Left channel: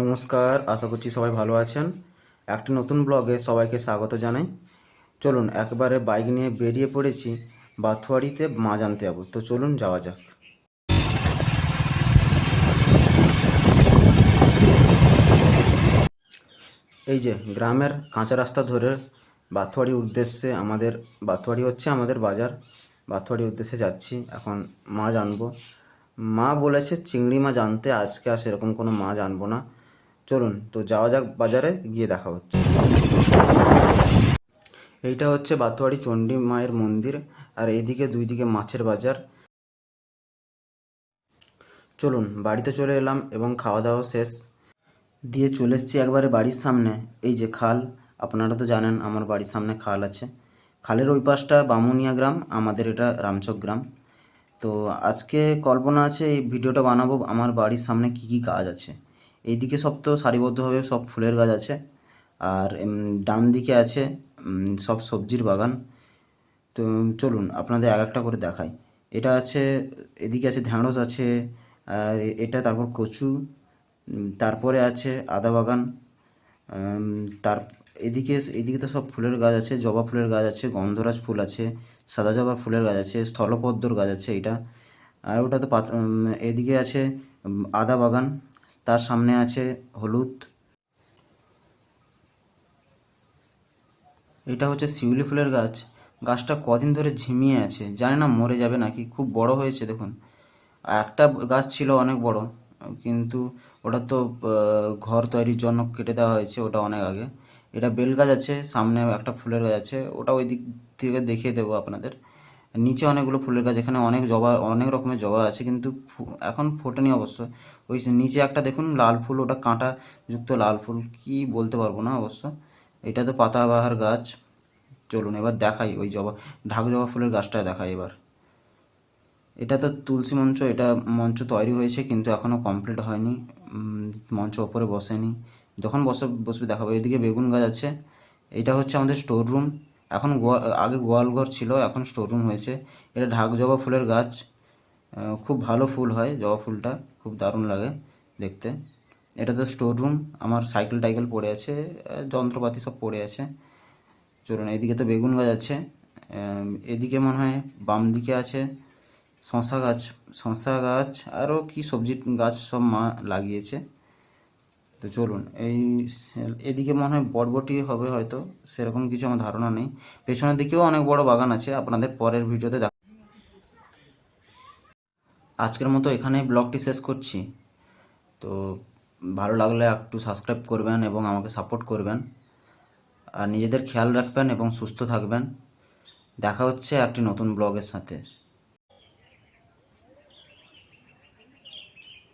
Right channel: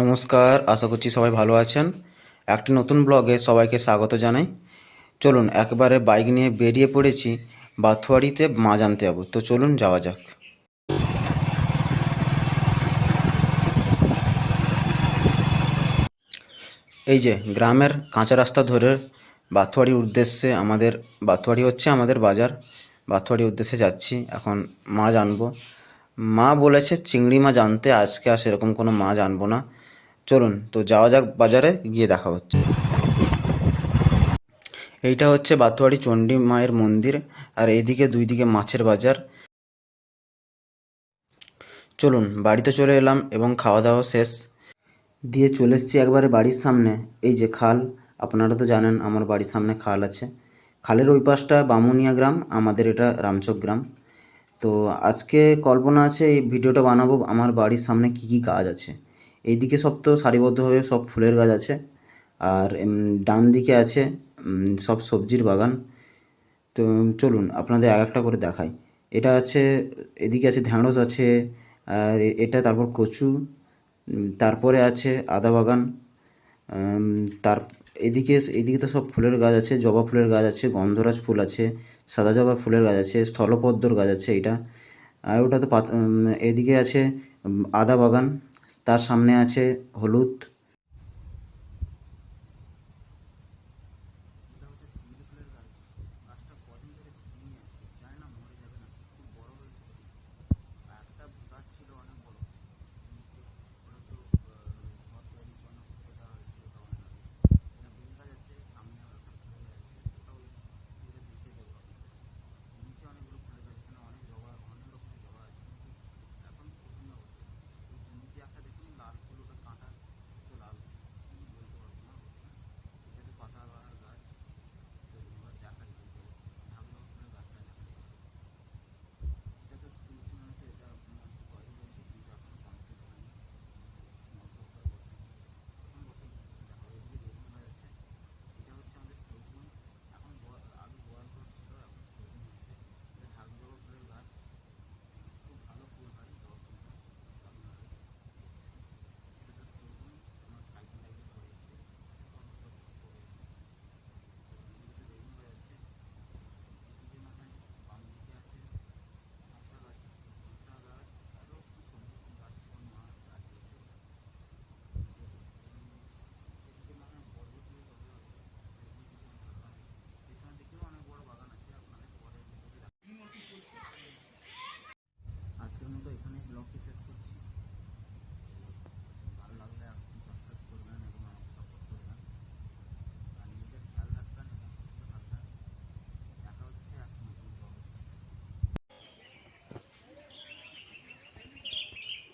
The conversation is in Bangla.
নমস্কার, আশা করছি সবাই ভালো আছেন। একটি নতুন ব্লগে সবাইকে স্বাগত জানাই। চলুন একবারে বাইক নিয়ে বেরিয়ে পড়েছি বাথুয়ারিতে মাছ আনতে যাবো। তো চলুন যাওয়া যাক। এই যে গ্রামের কাঁচা রাস্তা ধরে বাথুয়ারির উদ্দেশ্যে বাথুয়ারি হচ্ছে আমাদের বাজার। বাথুয়ারির উদ্দেশ্যে যাচ্ছি, এখন মাছ আনবো। মা বলেছে চিংড়ি মাছ আনতে, আজকে আর সেরকম কোনো মাছ আনবো না। চলুন তো যাওয়া যাক, বাজারে গিয়ে দেখা হচ্ছে। এইটা হচ্ছে বাথুয়ারি চণ্ডী মায়ের মন্দির, আর এইদিকে দুই দিকে মাছের বাজার। চলুন বাড়িতে চলে এলাম এবং খাওয়া দাওয়া শেষ দিয়ে চলে এসেছি একবারে বাড়ির সামনে। এই যে খাল, আপনারা তো জানেন আমার বাড়ির সামনে খাল আছে। খালের ওই পাশটা বামুনিয়া গ্রাম, আমাদের এটা রামচক গ্রাম। তো আজকে কল্পনা আছে এই ভিডিওটা বানাবো আমার বাড়ির সামনে কী কী গাছ আছে। এইদিকে সব তো সারিবদ্ধভাবে সব ফুলের গাছ আছে, আর ডান দিকে আছে সব সবজির বাগান। তো চলুন আপনাদের এক একটা করে দেখাই। এটা আছে, এদিকে আছে ঢ্যাঁড়স আছে, আর এটা তারপর কচু, তারপরে আছে আদা বাগান। উম, তার এদিকে তো সব ফুলের গাছ আছে, জবা ফুলের গাছ আছে, গন্ধরাজ ফুল আছে, সাদা জবা ফুলের গাছ আছে, স্থলপদ্মর গাছ আছে এটা। আর ওটা তো এদিকে আছে আদা বাগান, তার সামনে আছে হলুদ। এটা হচ্ছে শিউলি ফুলের গাছ। গাছটা কদিন ধরে ঝিমিয়ে আছে, জানি না মরে যাবে নাকি। খুব বড় হয়েছে দেখুন। একটা গাছ ছিল অনেক বড়, কিন্তু ওটা তো ঘর তৈরির জন্য কেটে দেওয়া হয়েছে, ওটা অনেক আগে। এটা বেল গাছ আছে, সামনে একটা ফুলের গাছ আছে, ওটা ওই দিক থেকে দেখিয়ে দেবো আপনাদের। নিচে অনেকগুলো ফুলের গাছ, এখানে অনেক জবা, অনেক রকমের জবা আছে, কিন্তু এখন ফোটেনি অবশ্য। ওই নিচে একটা দেখুন লাল ফুল, ওটা কাঁটা যুক্ত লাল ফুল, কি বলতে পারবো না অবশ্য। এটা তো পাতাবাহার গাছ। চলুন এবার দেখাই ওই ঢাক জবা ফুলের গাছটা দেখাই এবার। এটা তো তুলসী মঞ্চ, এটা মঞ্চ তৈরি হয়েছে কিন্তু এখনও কমপ্লিট হয়নি। মঞ্চ ওপরে বসেনি, যখন বসবে দেখাবো। এদিকে বেগুন গাছ আছে। এটা হচ্ছে আমাদের স্টোর রুম। এখন আগে গোয়াল ঘর ছিল, এখন স্টোর রুম হয়েছে। এটা ঢাক জবা ফুলের গাছ। খুব ভালো ফুল হয় জবা ফুলটা, খুব দারুণ লাগে দেখতে। এটা তো স্টোর রুম, আমার সাইকেল টাইকেল পড়ে আছে, যন্ত্রপাতি সব পড়ে আছে। চলুন এদিকে তো বেগুন গাছ আছে। এদিকে মনে হয় বাম দিকে আছে শশা গাছ আরও কি সবজি গাছ সব মা লাগিয়েছে। তো চলুন এদিকে মনে হয় বরবটি হবে হয়তো, সেরকম কিছু আমার ধারণা নেই। পেছনের দিকেও অনেক বড় বাগান আছে, আপনাদের পরের ভিডিওতে আজকের মতো এখানেই ব্লগটি শেষ করছি। তো ভালো লাগলে একটু সাবস্ক্রাইব করবেন এবং আমাকে সাপোর্ট করবেন, আর নিজেদের খেয়াল রাখবেন এবং সুস্থ থাকবেন। দেখা হচ্ছে একটি নতুন ব্লগের সাথে।